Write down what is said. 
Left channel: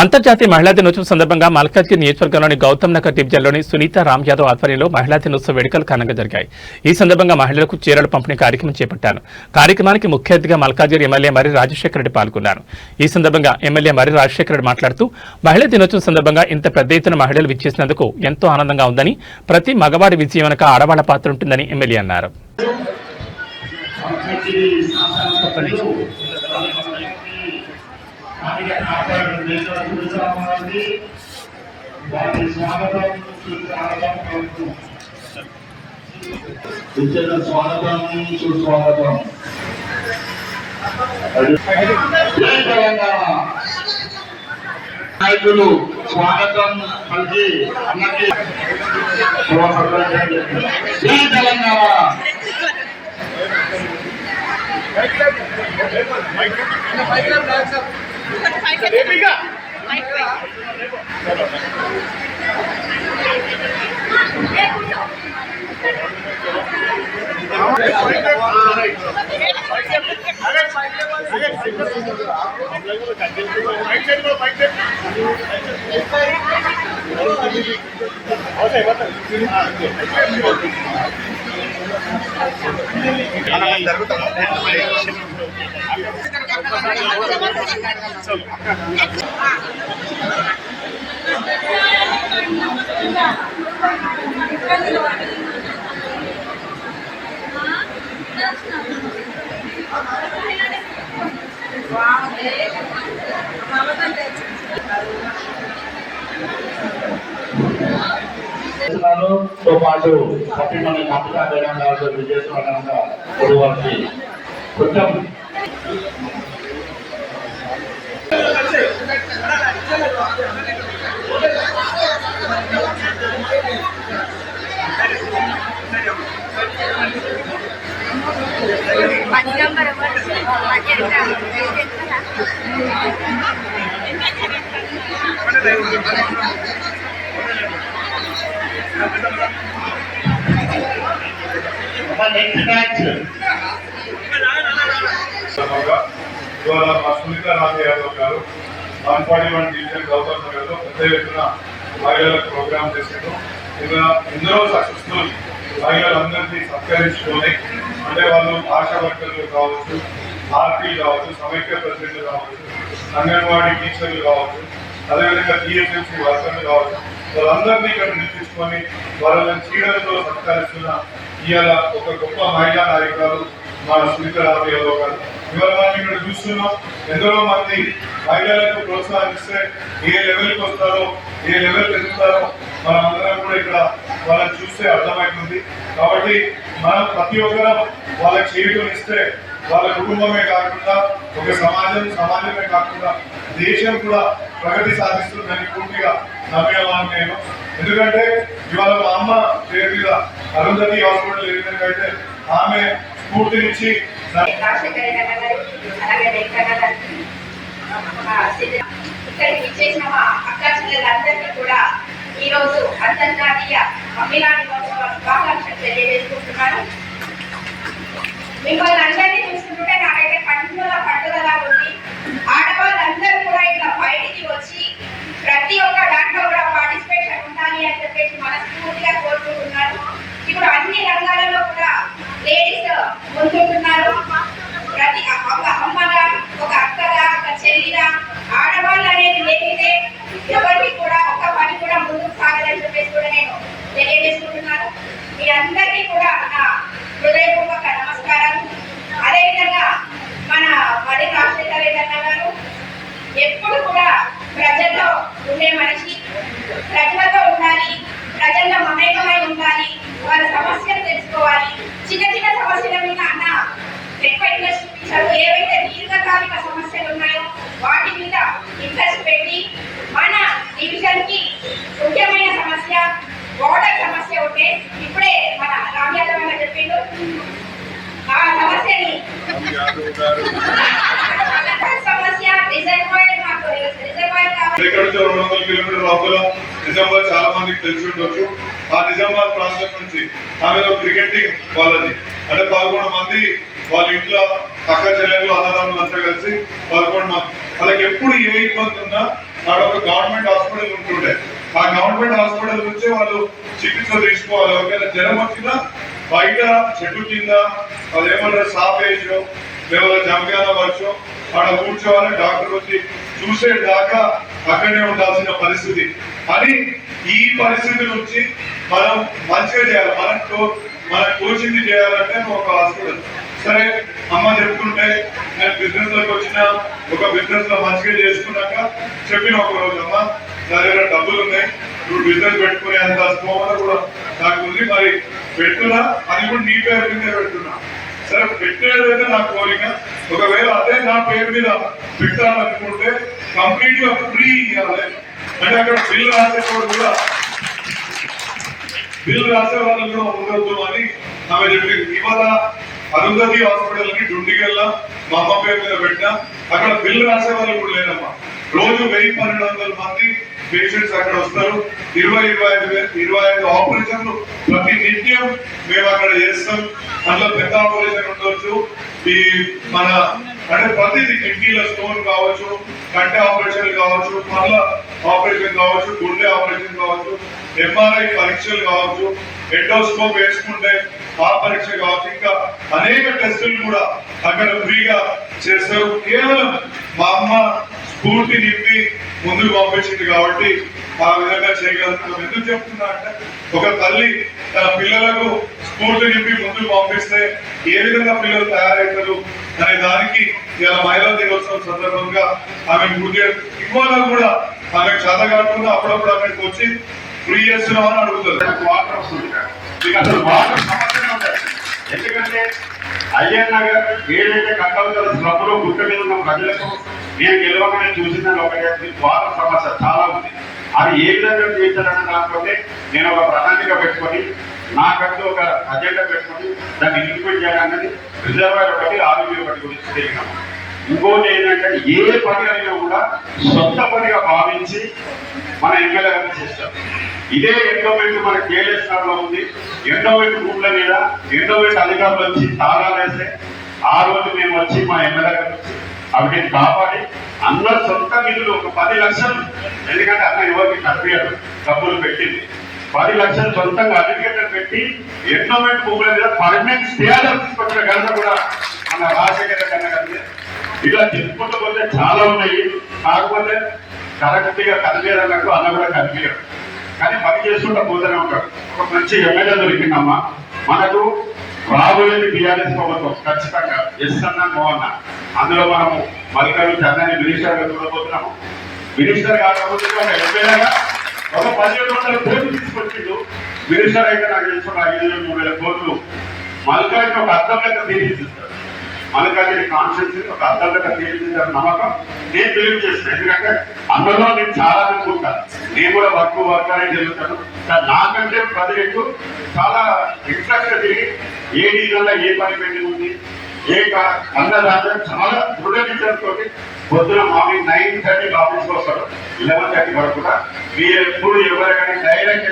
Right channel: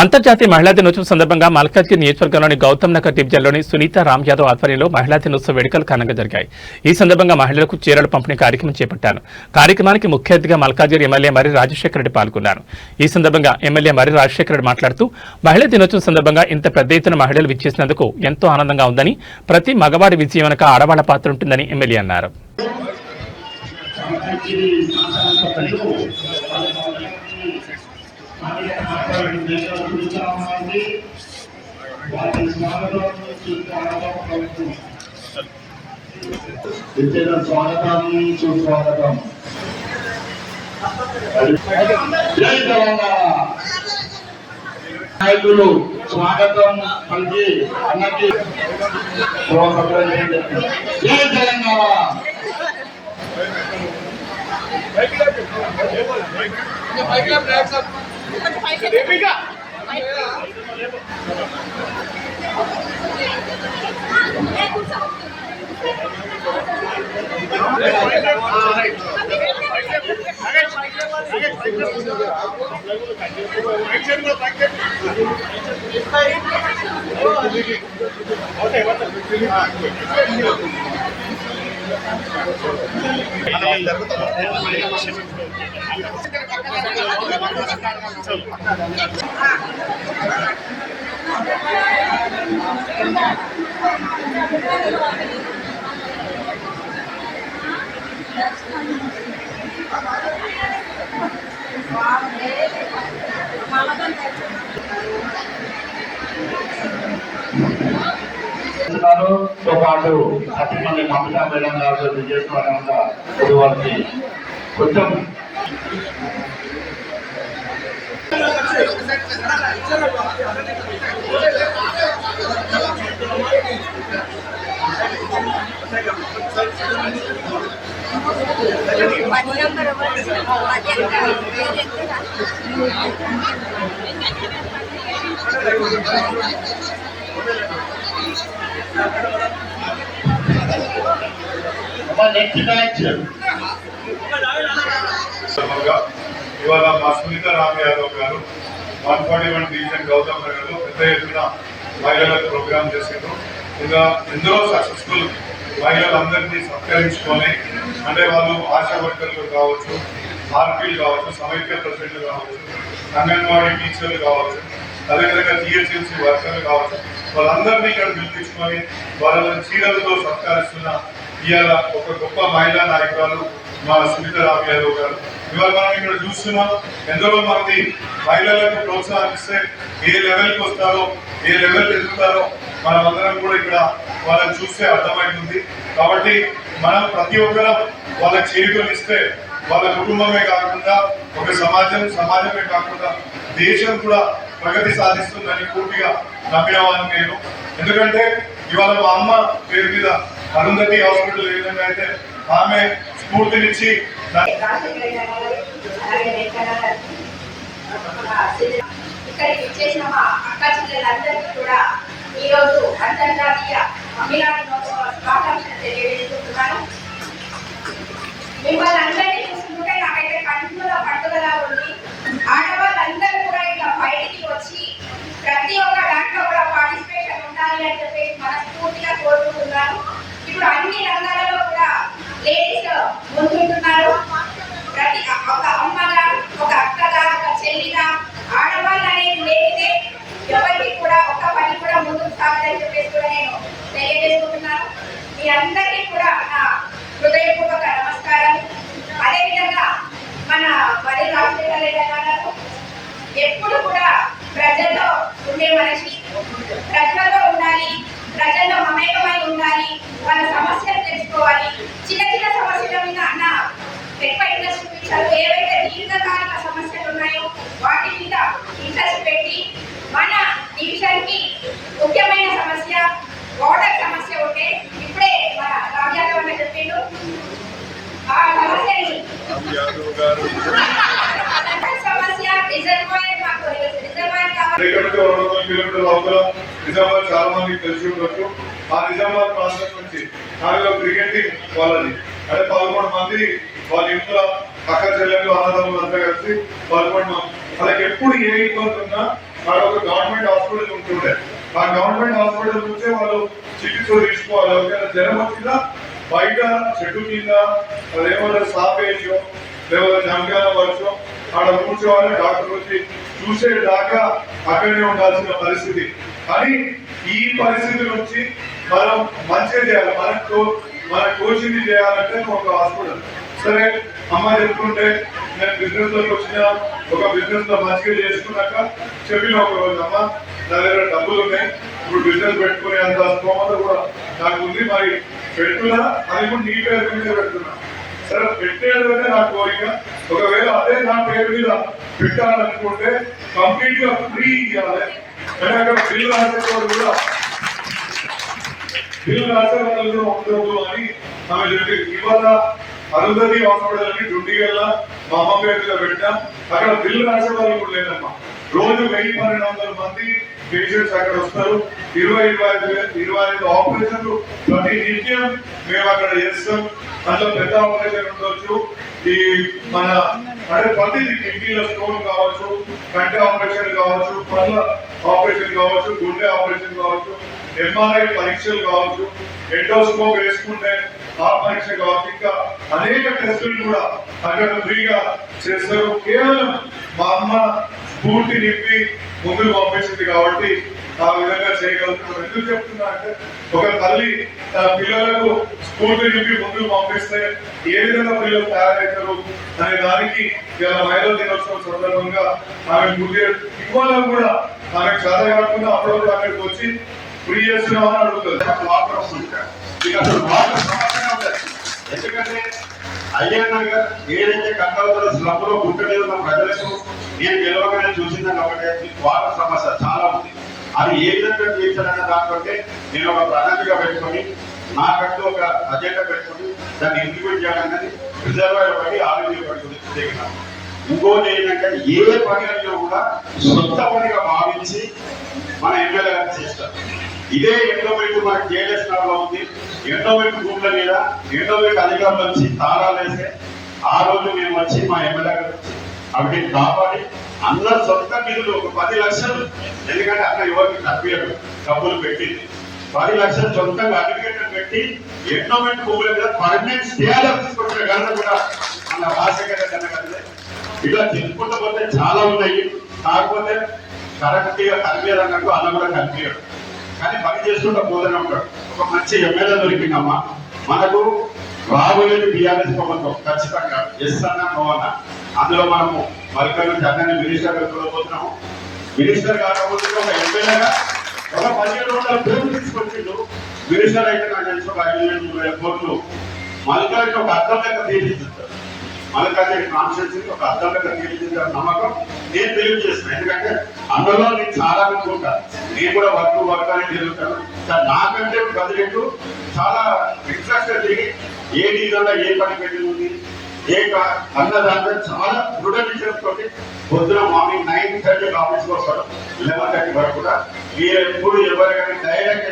అంతర్జాతీయ మహిళా దినోత్సవం సందర్భంగా మల్కాజ్గిరి నియోజకవర్గంలోని గౌతమ్ నగర్ డివిజన్లోని సునీత రామ్ యాదవ్ ఆధ్వర్యంలో మహిళా దినోత్సవ వేడుకలు ఘనంగా జరిగాయి. ఈ సందర్భంగా మహిళలకు చీరల పంపిణీ కార్యక్రమం చేపట్టారు. కార్యక్రమానికి ముఖ్య అతిథిగా మల్కాజ్గిరి ఎమ్మెల్యే మర్రి రాజశేఖర రెడ్డి పాల్గొన్నారు. ఈ సందర్భంగా ఎమ్మెల్యే మర్రి రాజశేఖర రెడ్డి మాట్లాడుతూ మహిళా దినోత్సవం సందర్భంగా ఇంత పెద్ద ఎత్తున మహిళలు విచ్చేసినందుకు ఎంతో ఆనందంగా ఉందని, ప్రతి మగవాడి విజయం వెనుక ఆడవాళ్ల పాత్ర ఉంటుందని ఎమ్మెల్యే అన్నారు. స్వాగతం సుస్వాగతం. జై తెలంగాణ నాయకులు స్వాగతం పలికి అన్నకి జై తెలంగాణ. తో పాటు 10 మంది మమతా మేడం గారు విజయస్వాగంగా వారికి కొంచెం ఇవాళ మా సునీత రామ్ యాదవ్ గారు 141 డివిజన్ గౌతమ్ నగర్ లో పెద్ద ఎత్తున మహిళలకు ప్రోగ్రామ్ చేశారు. ఇంకా ఎందరో సక్సెస్ఫుల్ మహిళలందరినీ సత్కరించుకొని, అంటే వాళ్ళు ఆశా వర్కర్లు కావచ్చు, ఆర్పీలు కావచ్చు, సమైక్య ప్రెసిడెంట్లు కావచ్చు, అంగన్వాడీ టీచర్లు కావచ్చు, అదేవిధంగా జిహెచ్ఎంసీ వర్కర్లు కావచ్చు, వాళ్ళందరినీ ఇక్కడ పిలిపించుకొని వాళ్ళని చీరలతో సత్కరిస్తున్న ఇవాళ ఒక గొప్ప మహిళా నాయకురాలు మా సునీత రామ్ యాదవ్ గారు. ఇవాళ మనం ఇక్కడ చూస్తున్నాం, ఎందరో మంది మహిళలకు ప్రోత్సహిస్తే ఏ లెవెల్కి వస్తారో, ఏ లెవెల్ ఎదుగుతారో మనం అందరం కూడా ఇక్కడ వాళ్ళని చూస్తే అర్థమవుతుంది. కాబట్టి మనం ప్రతి ఒక్కరం వాళ్ళకి చేయూతనిస్తే వాళ్ళ కుటుంబమే కాకుండా ఒక సమాజమే కాకుండా దేశం కూడా ప్రగతి సాధిస్తుందని పూర్తిగా నమ్మిన వాళ్ళని నేను. ఎందుకంటే ఇవాళ మా అమ్మ పేరు మీద అరుంధతి హాస్పిటల్ ఏ విధంగా అయితే ఆమె స్ఫూర్తినిచ్చి ఈరోజు అంతర్జాతీయ మహిళా దినోత్సవ శుభాకాంక్షలు తెలియజేసుకుంటున్నాను. మిమ్మల్ని అందరినీ చూస్తుంటే నాకైతే పండుగ పండుగలా ఉంది. ఆడవాళ్ళందరూ కూడా ఇలా బయటికి వచ్చి ప్రతి ఒక్క దాంట్లో కూడా పార్టిసిపేషన్ ఉండాలి అని చెప్పేసి మనస్ఫూర్తిగా కోరుకుంటున్నాను. ఇప్పుడు అన్ని రంగాలలో కూడా లేడీస్ ముందుంటున్నారు. ప్రతి ఒక అమ్మగా, ఒక అక్కగా, ఒక చెల్లిగా ఆడవాళ్ళు అనేది లేనిదే ఎవరికి కూడా ఒక పని కూడా ముందుకు సాగదని చెప్పేసి కూడా నేను తెలియజేసుకుంటున్నాను. మీ అందరికీ కూడా నా హృదయపూర్వక నమస్కారం. అదేవిధంగా మన మర్రి రాజశేఖర రెడ్డి గారు ఎప్పుడు కూడా ప్రజల్లో ఉండే మనిషి, ప్రజలతో ఉండాలి, ప్రజల్లో మమేకమై ఉండాలి, వాళ్ళ సమస్యలు తెలుసుకోవాలి. చిన్న చిన్న సమస్యల మీద అన్న ఎక్కువ ఇంట్రెస్ట్ చూపించారు. ఏవైతే దీర్ఘకాలిక సమస్యలు ఉన్నాయో వాటి మీద ఇంట్రెస్ట్ పెట్టి మన డివిజన్ కి ముఖ్యమైన సమస్య వాటర్ సమస్య ఉంటే ఇప్పుడే మన రామ్ యాదవ్ అన్న చెప్పిండు ఆ సమస్యని సమస్య రిజర్వాయర్ మాకు రిజర్వాయర్ నిజామాబాద్ చాలా మందికి తెలిసి ఉండొచ్చు. ఆ నిజామాబాద్ ప్రాంతం నుంచి ఆమె క్రికెటింగ్ వాళ్ళది అంటే 11 మంది వాళ్ళ ఇంట్లో అక్క చెల్లెళ్ళు అన్నదమ్ములు అంతా కలిసి 11 మంది. వాళ్ళకి ఎప్పుడు ఏ ఇబ్బంది ఉన్నా ఆడ ఒక గవర్నమెంట్ హాస్పిటల్ ఉంటుండే. ఆ గవర్నమెంట్ హాస్పిటల్ నుంచే వాళ్ళు చికిత్స తీసుకోవాలి. ఒకవేళ జ్వరం వచ్చినా బయట చెట్టు కింద అదేమన్నా సాపేసో లేదా జమగాన వర్షం ఆడ కూర్చోవాలి, డాక్టర్ వచ్చి చూసేదాకా అక్కడే ఉండాల్సిన పరిస్థితి. కానీ ఈ పరిస్థితి నుంచి మనం మంచిగా చేయాలి. మన కోచింగ్ చేయాలంటే ఒక హాస్పిటల్. సరే అమ్మ చెప్తుంటే నేను బిజినెస్ లోకి వచ్చిన, ఒక బిజినెస్ లో మంచిగా చేసుకున్నాక చెప్పిన ఒక రోజు, అమ్మ నా దగ్గర డబ్బులు ఉన్నాయి, ఇప్పుడు బిజినెస్ పెట్టుకునే అంత స్తోమత కూడా నాకు ఉంది, మరి పెడుతున్నా, అది కూడా నీ పేరు మీద పెడుతున్నా. సరే పెట్టేదైతే నా కోరిక. ఒకవేళ అదే నా పేరు మీద పెట్టాలనుకుంటే కంప్లీట్ గా ఫ్రీ ఇవ్వాలి. అంటే అక్కడ బిల్ రాసేవాడు కూడా, బిల్ రాసే వాళ్ళు కూడా ఉండొద్దు అని ఆమె చెప్పింది. ఇవాళ అరుంధతి హాస్పిటల్ అని డుండిగల్ల మా అమ్మ పేరు మీద పెట్టినా అక్కడ బిల్ రాసే వాళ్ళు కూడా లేదమ్మా. రోజు 1000-1200 మంది పేషెంట్స్ అక్కడ వస్తారు. 20-25 ఆపరేషన్లు ప్రతి నిత్యం మేము అక్కడ చేస్తాం. అందులో పెద్ద ఆపరేషన్ ఉండొచ్చు, ఈ మన అంటే ప్రతిదీ కిడ్నీల స్టోన్ కావచ్చు, కంటి ఆపరేషన్ కావచ్చు, పళ్ళ ఆపరేషన్ కావచ్చు, గుండె ఆపరేషన్ కావచ్చు, ఎంఆర్ఐ పరీక్షలు కావచ్చు, ఎండోస్కోప్ వేసుకుంటే ఆ పరీక్ష కావచ్చు, ఇంకా అనేక టెస్టులు కూడా అక్కడ ఫ్రీగా చేస్తారు. కేవలం మా అమ్మ స్ఫూర్తి నింపి ముందుకు పంపించింది కాబట్టి ఆ విధంగా చేయగలుగుతాం. ఎందుకు చెప్తున్నా అంటే ఒక తల్లి తన పిల్లలకు స్ఫూర్తి నింపి ముందుకు పంపిస్తే ఏ విధంగా పిల్లలు తయారవుతారు అనే దానికి ఇలా మహిళా దినోత్సవం సందర్భంగా ఆమె పూర్తిగా ఇవాళ కూడా ఆమె చదవకుండా అప్పుడప్పుడు అక్కడికి వచ్చి ఫ్రీ చేస్తున్నామని అడుగుతుంది. వాటర్ వస్తుంది, మీకు అసలు వాటర్ సమస్య ఉంటుంది. ఎందుకంటే అయ్యన్న గారు ఏదైతే కట్టవలసిన స్లబ్లో గుట్ట మీద ఉన్న ప్రజలకు నేను గెలవగానే చూసిందని ఒకటే, వాటర్ సమస్య చాలా ఉంది. అది ఏ విధంగా తీర్చాలనే దానికంటే నేను ఒక ప్రణాళిక పెట్టుకొని నాకంటూ ఒక అజెండా పెట్టుకొని దాన్ని ఇంప్లిమెంట్ చేయాలన్నది రిజర్వాయర్ ఒకటి, ఆరోగ్యం ఒకటి గురించి తెలియనాం. ఇంకోటి ఏంటంటే ఏ పని అయినా కూడా సొంత పనిగా భావించి మన ఎమ్మెల్యే గారిని చేస్తాం. ఇదే ఎండోమెంట్ మన కేఎస్ఆర్ లో ఉంది. ఎండోమెంట్ భూముల మీద ఎండోమెంట్ అధికారులు వచ్చి తాళాలు వేస్తే ఆ రోజు మేము వచ్చి మా ఎమ్మెల్యే గారు వచ్చి అవిటిని కాపాడి అందరు సొంత నిధులు ఒక 10 లక్షలు, ఎందుకంటే అన్న ఎవరికి కనిపించడు డబ్బులు పెట్టింది, 10 లక్షలు సొంతంగా అడ్వకేటర్ పెట్టి ఎండోమెంట్ భూముల మీద పర్మనెంట్ స్టే ఆర్డర్ తీసుకొచ్చిన ఘనత కూడా మన రాజశేఖర కన్నా గారి. ఇట్లా చెప్పుకుంటూ పోతే చాలా ఉన్నాయి. కాకపోతే కరెక్ట్ గా కనిపించదన్నట్టు అన్న కూడా కనిపించడు, కానీ పని చేసుకుంటూ పోతూనే ఉంటాడు. ఒక మంచి ఎమ్మెల్యే దొరికిందమ్మా మనకు. రాబోయేది టీఆర్ఎస్ ప్రభుత్వం ఖచ్చితంగా, ఎస్ అన్నా నో అన్నా. అందులో మనము మల్లికార్జున ఖర్గే మినిస్టర్ గా చూడబోతున్నాము. మినిస్టర్ కాకపోతే ఒక ఎమ్మెల్యేగా ఒక 1700 కోట్లు తీసుకొచ్చిండు. మినిస్టర్ అయితే నాకు తెలిసి ఒక 5,000-3,000 కోట్లు మల్లికార్జున ఒక అర్థం లెక్క తీర్చిస్తారు. మల్లికార్జున కాన్స్టిట్యూన్సీ ఒక అర్థం లెక్క తీర్చిద్దారు నమ్మకం నేను తెలియజేస్తాను. ఎందుకంటే అందులో నేను చాలా అనుకుంటాను, నేను కూడా వర్క్ అనేది జరుగుతాను. నాకంటే ప్రజలకు చాలా ఇంట్రెస్ట్ తిరిగి ఏ డీజల్లో ఏ పని పెట్టి ఉంది అన్న దాంట్లో చాలా దృఢ విషయంతో పొద్దున మార్నింగ్ 9:30 ఆఫీస్కి వస్తాడు, 11:30 వరకు కూడా. మీరు ఎప్పుడు ఎవరికైనా డైరెక్ట్